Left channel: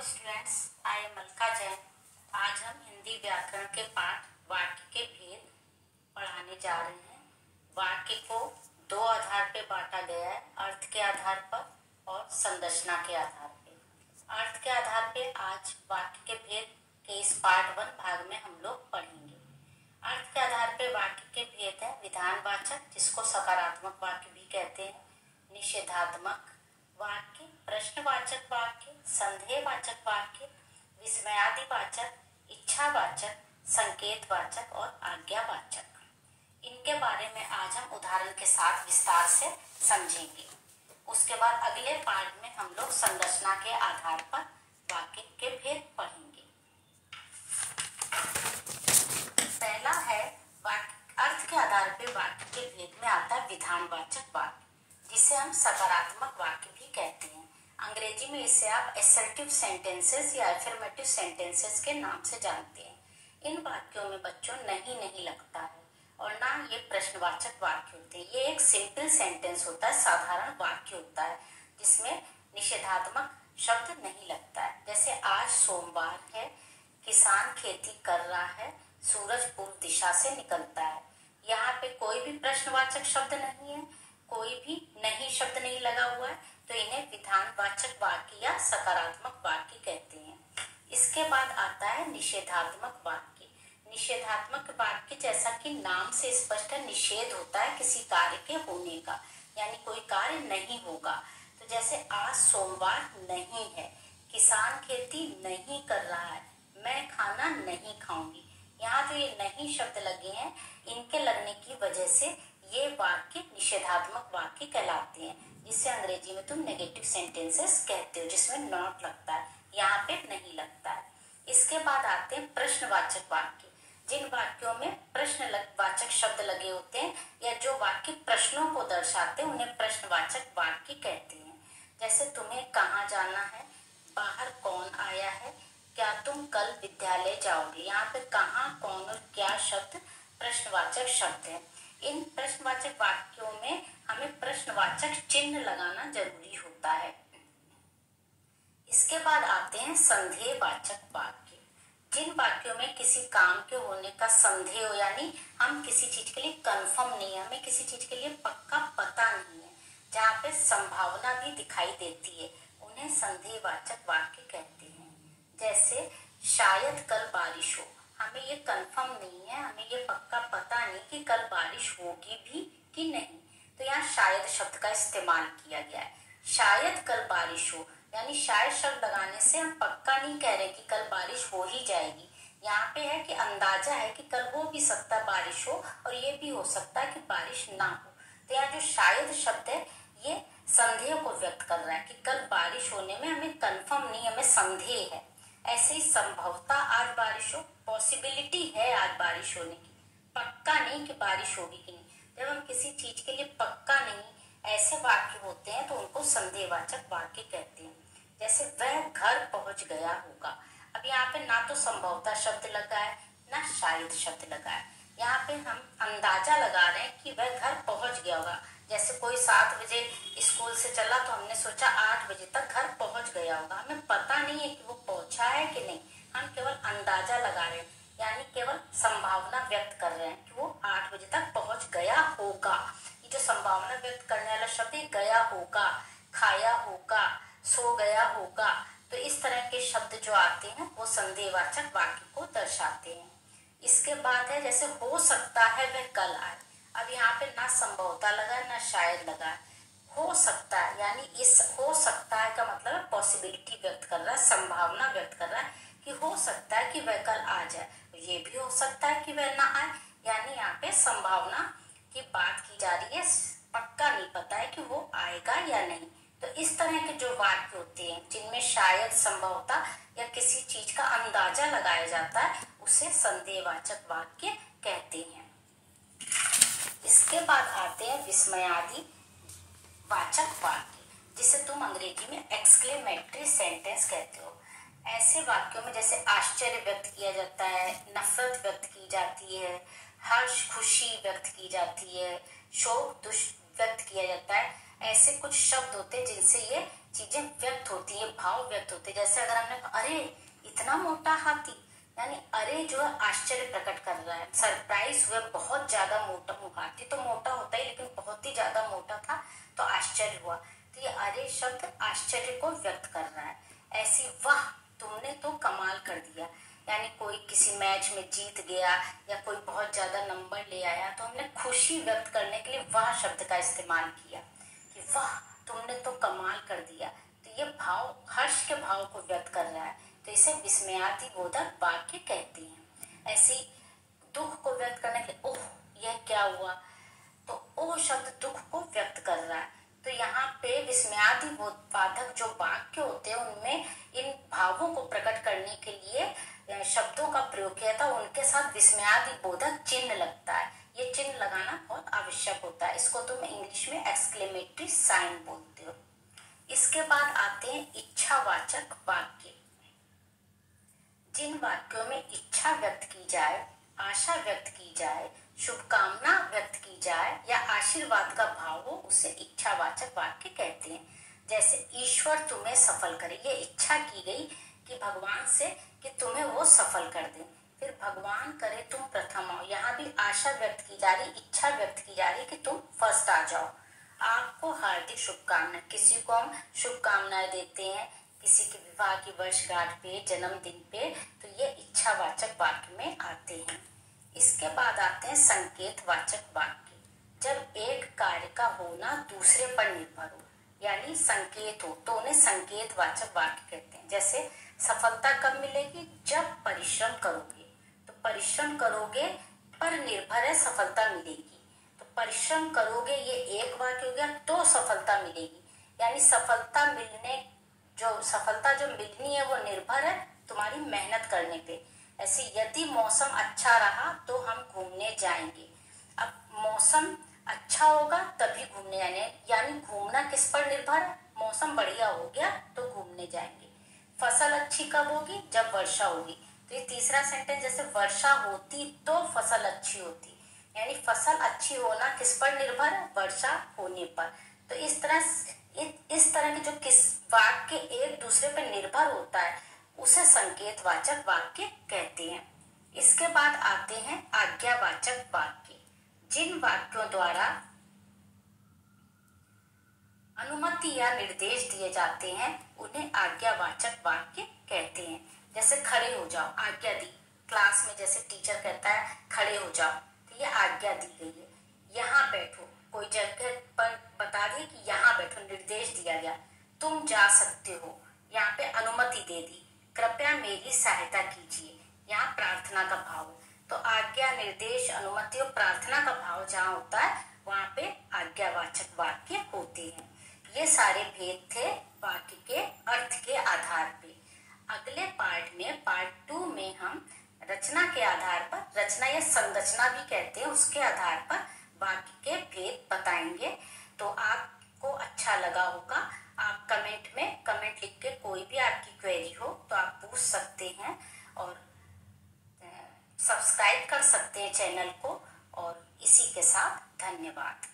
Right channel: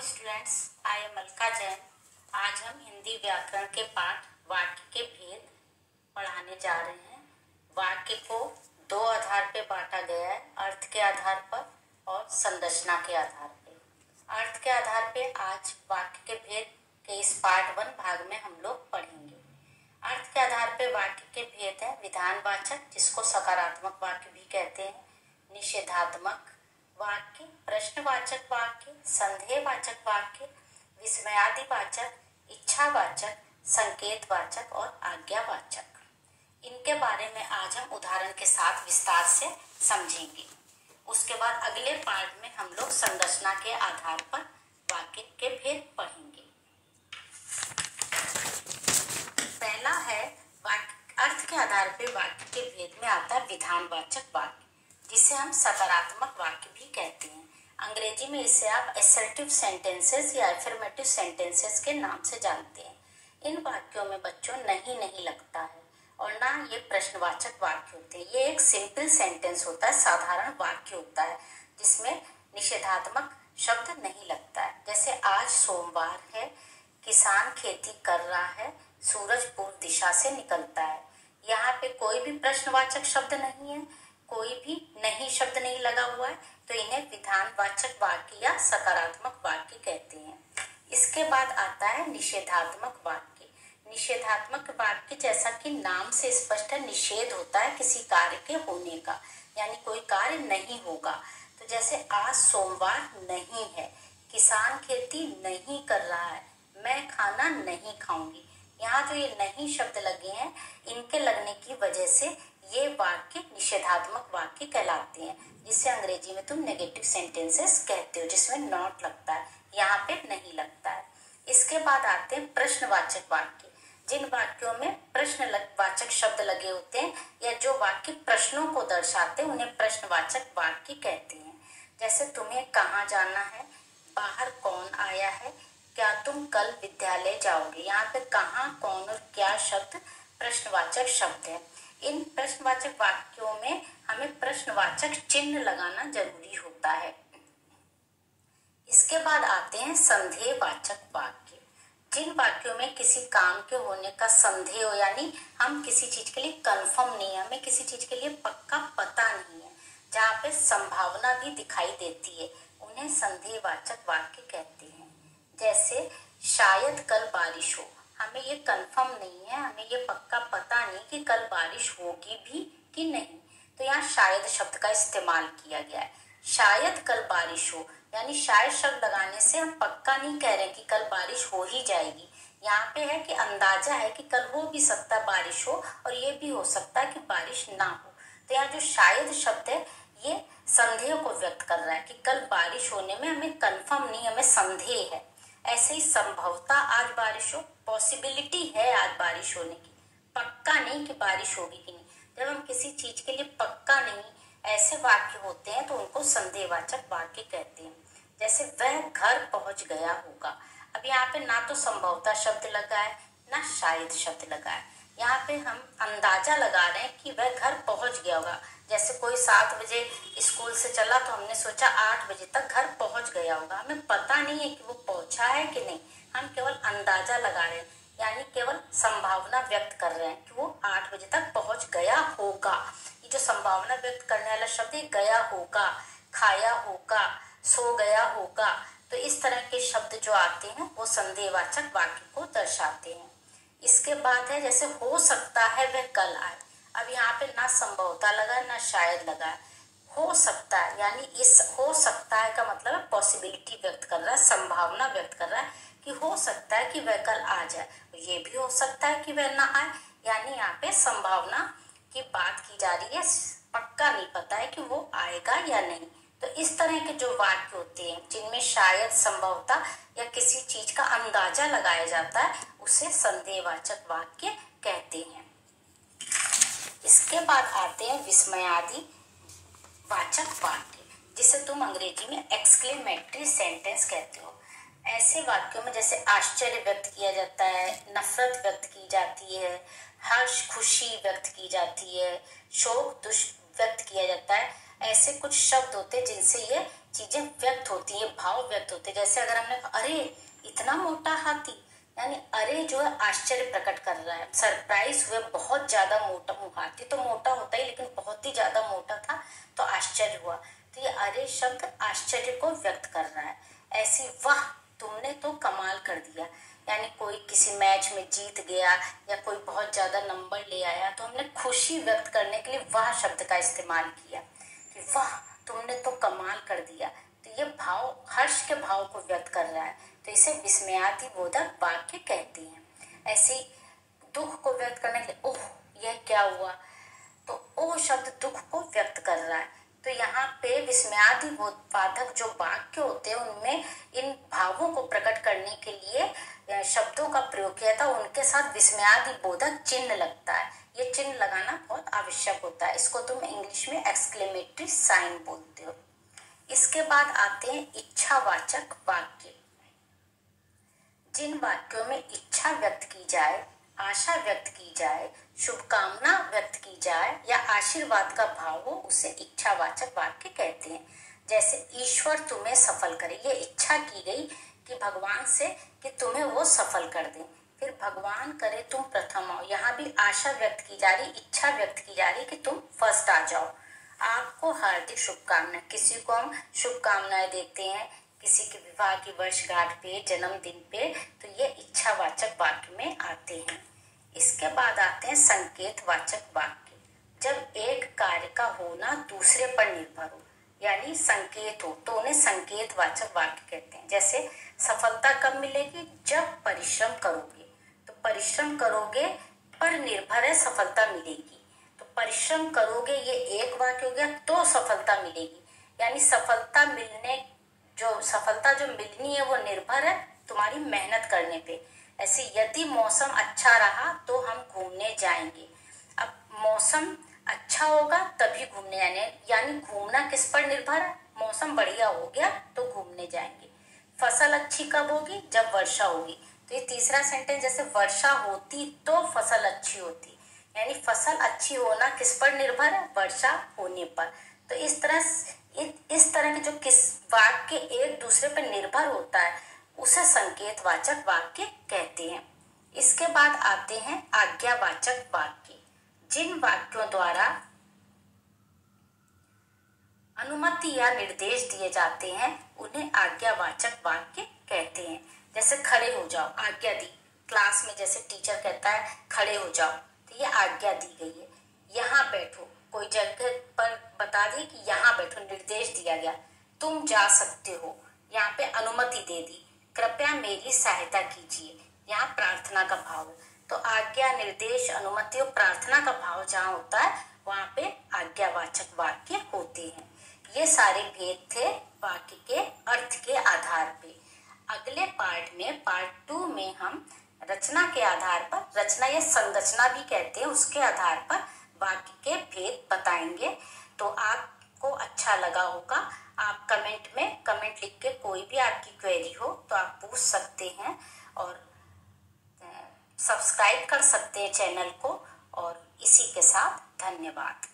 Students, I am Alka Jain. आज हम हिंदी व्याकरण के पाठ वाक्य के भेद पढ़ाने जा रहे हैं। वाक्य को दो आधार पे बांटा गया है, अर्थ के आधार पर और संरचना के आधार पे। अर्थ के आधार पे आज वाक्य के भेद के इस पार्ट 1 भाग में हम लोग पढ़ेंगे। अर्थ के आधार पे वाक्य के भेद है विधानवाचक, जिसको सकारात्मक वाक्य भी कहते हैं, निषेधात्मक वाक्य, प्रश्नवाचक वाक्य, संदेहवाचक वाक्य, विस्मयादिवाचक, इच्छावाचक, संकेतवाचक और आज्ञावाचक। इनके बारे में आज हम उदाहरण के साथ विस्तार से समझेंगे। उसके बाद अगले पार्ट में हम लोग संरचना के आधार पर वाक्य के भेद पढ़ेंगे। पहला है अर्थ के आधार पर वाक्य के भेद में आता है विधानवाचक वाक्य, जिसे हम सकारात्मक वाक्य भी कहते हैं। अंग्रेजी में इसे आप असर्टिव सेंटेंसेस या अफर्मेटिव सेंटेंसेस के नाम से जानते हैं। इन वाक्यों में बच्चों नहीं लगता है और ना ये प्रश्नवाचक वाक्य होते हैं। ये एक सिंपल सेंटेंस होता है, साधारण वाक्य होता है, जिसमें निषेधात्मक शब्द नहीं लगता है। जैसे आज सोमवार है, किसान खेती कर रहा है, सूरज पूर्व दिशा से निकलता है। यहाँ पे कोई भी प्रश्नवाचक शब्द नहीं है, कोई भी नहीं शब्द नहीं लगा हुआ है, तो इन्हें विधानवाचक वाक्य या सकारात्मक वाक्य कहते हैं। इसके बाद आता है निषेधात्मक वाक्य। निषेधात्मक वाक्य, जैसा कि नाम से स्पष्ट है, निषेध होता है किसी कार्य के होने का, यानी कोई कार्य नहीं होगा। तो जैसे आज सोमवार नहीं है, किसान खेती नहीं कर रहा है, मैं खाना नहीं खाऊंगी। यहाँ जो ये नहीं शब्द लगे हैं, इनके लगने की वजह से ये वाक्य निषेधात्मक वाक्य कहलाते हैं, जिसे अंग्रेजी में तुम नेगेटिव सेंटेंसेस कहते हो, जिसमें नॉट लगता है, यहाँ पे नहीं लगता है। इसके बाद आते हैं प्रश्नवाचक वाक्य। जिन वाक्यों में प्रश्नवाचक शब्द लगे होते हैं या जो वाक्य प्रश्नों को दर्शाते हैं, उन्हें प्रश्नवाचक वाक्य कहते हैं। जैसे तुम्हें कहाँ जाना है, बाहर कौन आया है, क्या तुम कल विद्यालय जाओगे। यहाँ पे कहाँ, कौन और क्या शब्द प्रश्नवाचक शब्द है। इन प्रश्नवाचक वाक्यों में हमें प्रश्नवाचक चिन्ह लगाना जरूरी होता है। इसके बाद आते हैं संदेहवाचक वाक्य। जिन वाक्यों में किसी काम के होने का संदेह हो, यानी हम किसी चीज के लिए कंफर्म नहीं है, हमें किसी चीज के लिए पक्का पता नहीं है, जहाँ पे संभावना भी दिखाई देती है, उन्हें संदेहवाचक वाक्य कहते हैं। जैसे शायद कल बारिश हो, हमें ये कंफर्म नहीं है, हमें ये पक्का पता नहीं कि कल बारिश होगी भी कि नहीं, तो यहाँ शायद शब्द का इस्तेमाल किया गया है। शायद कल बारिश हो, यानी शायद शब्द लगाने से हम पक्का नहीं कह रहे कि कल बारिश हो ही जाएगी। यहाँ पे है कि अंदाजा है कि कल हो भी सकता है बारिश हो, और ये भी हो सकता है कि बारिश ना हो। तो यहाँ जो शायद शब्द है, ये संदेह को व्यक्त कर रहा है कि कल बारिश होने में हमें कंफर्म नहीं, हमें संदेह है। ऐसे ही संभवतः आज बारिश हो, पॉसिबिलिटी है आज बारिश होने की, पक्का नहीं कि बारिश होगी कि नहीं। जब हम किसी चीज के लिए पक्का नहीं, ऐसे वाक्य होते हैं, तो उनको संदेहवाचक वाक्य कहते हैं। जैसे वह घर पहुंच गया होगा। अब यहाँ पे ना तो संभवतः शब्द लगा है, ना शायद शब्द लगा है। यहाँ पे हम अंदाजा लगा रहे हैं कि वह घर पहुंच गया होगा। जैसे कोई 7 बजे स्कूल से चला, तो हमने सोचा 8 बजे तक घर पहुंच गया होगा। हमें पता नहीं है कि वो पहुंचा है कि नहीं, हम केवल अंदाजा लगा रहे हैं, यानी केवल संभावना व्यक्त कर रहे हैं कि वो 8 बजे तक पहुंच गया होगा। ये जो संभावना व्यक्त करने वाला शब्द है, गया होगा, खाया होगा, सो गया होगा, तो इस तरह के शब्द जो आते हैं वो संदेहवाचक वाक्य को दर्शाते हैं। इसके बाद है जैसे हो सकता है वह कल आए। अब यहाँ पे ना संभवता लगा है, ना शायद लगा है, हो सकता है, यानी इस हो सकता है का मतलब है पॉसिबिलिटी व्यक्त कर रहा है, संभावना व्यक्त कर रहा है कि हो सकता है कि वह कल आ जाए। ये भी हो सकता है कि वह ना आए, यानी यहाँ पे संभावना की बात की जा रही है, पक्का नहीं पता है कि वो आएगा या नहीं। तो इस तरह के जो वाक्य होते हैं, जिनमें शायद, संभवता या किसी चीज का अंदाजा लगाया जाता है, उसे संदेहवाचक वाक्य कहते हैं। इसके बाद आते हैं विस्मयादि वाचक वाक्य, जिसे तुम अंग्रेजी में एक्सक्लेमेटरी सेंटेंस कहते हो। ऐसे वाक्यों में जैसे आश्चर्य व्यक्त किया जाता है, नफरत व्यक्त की जाती है, हर्ष खुशी व्यक्त की जाती है, शोक दुख व्यक्त किया जाता है। ऐसे कुछ शब्द होते हैं जिनसे ये चीजें व्यक्त होती है, भाव व्यक्त होते हैं। जैसे अगर हमने कहा अरे इतना मोटा हाथी, यानी अरे जो है आश्चर्य प्रकट कर रहा है, सरप्राइज हुए, बहुत ज्यादा मोटा। हाथी तो मोटा होता है लेकिन बहुत ही ज्यादा मोटा था तो आश्चर्य हुआ। तो ये अरे शब्द आश्चर्य को व्यक्त कर रहा है। ऐसी वाह तुमने तो कमाल कर दिया, यानी कोई किसी मैच में जीत गया या कोई बहुत ज्यादा नंबर ले आया तो हमने खुशी व्यक्त करने के लिए वाह शब्द का इस्तेमाल किया कि वाह तुमने तो कमाल कर दिया। तो ये भाव हर्ष के भाव को व्यक्त कर रहा है, तो इसे विस्मयादिबोधक वाक्य कहते हैं। ऐसे दुख को व्यक्त करने के लिए ओह यह क्या हुआ, तो ओह शब्द दुख को व्यक्त कर रहा है। तो यहाँ पे विस्मयादिबोधक जो वाक्य होते हैं उनमें इन भावों को प्रकट करने के लिए शब्दों का प्रयोग किया था, उनके साथ विस्मयादिबोधक चिन्ह लगता है। ये चिन्ह लगाना बहुत आवश्यक होता है, इसको तुम इंग्लिश में एक्सक्लेमेटरी साइन बोलते हो। इसके बाद आते हैं इच्छावाचक वाक्य। जिन वाक्यों में इच्छा व्यक्त की जाए, आशा व्यक्त की जाए, शुभकामना व्यक्त की जाए या आशीर्वाद का भाव हो उसे इच्छावाचक वाक्य कहते हैं। जैसे ईश्वर तुम्हें सफल करे, ये इच्छा की गई कि भगवान से कि तुम्हें वो सफल कर दे। फिर भगवान करे तुम प्रथम आओ, यहाँ भी आशा व्यक्त की जा रही, इच्छा व्यक्त की जा रही कि तुम फर्स्ट आ जाओ। आपको हार्दिक शुभकामनाएं, किसी को हम शुभकामनाएं देते हैं किसी के विवाह की वर्षगांठ पे, जन्मदिन पे, तो ये इच्छावाचक वाक्य में आते हैं। इसके बाद आते हैं संकेतवाचक वाक्य। जब एक कार्य का होना दूसरे पर निर्भर हो, यानी संकेत हो, तो उन्हें संकेतवाचक वाक्य कहते हैं। जैसे सफलता कब मिलेगी, जब परिश्रम करोगे, तो परिश्रम करोगे पर निर्भर है सफलता मिलेगी, तो परिश्रम करोगे ये एक वाक्य हो गया, तो सफलता मिलेगी, यानी सफलता मिलने सफलता जो मिलनी है वो निर्भर है तुम्हारी मेहनत करने पे। ऐसे यदि मौसम अच्छा रहा तो हम घूमने जाएंगे, अब मौसम अच्छा होगा तभी घूमने जाने, यानी घूमना किस पर निर्भर है, मौसम बढ़िया हो गया तो घूमने जाएंगे। फसल अच्छी कब होगी, जब वर्षा होगी। तो ये तीसरा सेंटेंस, जैसे वर्षा होती तो फसल अच्छी होती, यानी फसल अच्छी होना किस पर निर्भर है, वर्षा होने पर। तो इस तरह के जो किस वाक्य एक दूसरे पर निर्भर होता है उसे संकेतवाचक वाक्य कहते हैं। इसके बाद आते हैं आज्ञावाचक वाक्य। जिन वाक्यों द्वारा अनुमति या निर्देश दिए जाते हैं उन्हें आज्ञावाचक वाक्य कहते हैं। जैसे खड़े हो जाओ, आज्ञा दी, क्लास में जैसे टीचर कहता है खड़े हो जाओ, तो ये आज्ञा दी गई है। यहाँ बैठो, कोई जगह पर बता दिए कि यहाँ बैठो, निर्देश दिया गया। तुम जा सकते हो, यहाँ पे अनुमति दे दी। कृपया मेरी सहायता कीजिए, यहाँ प्रार्थना का भाव है। तो आज्ञा, निर्देश, अनुमति और प्रार्थना का भाव जहाँ होता है वहां पे आज्ञावाचक वाक्य होते हैं। ये सारे भेद थे वाक्य के अर्थ के आधार पे। अगले पार्ट में, पार्ट 2 में हम रचना के आधार पर, रचना या संरचना भी कहते हैं, उसके आधार पर वाक्य के भेद बताएंगे। तो आपको अच्छा लगा होगा, आप कमेंट में कमेंट लिख के कोई भी आपकी क्वेरी हो तो आप पूछ सकते हैं और सब्सक्राइब कर सकते हैं चैनल को। और इसी के साथ धन्यवाद।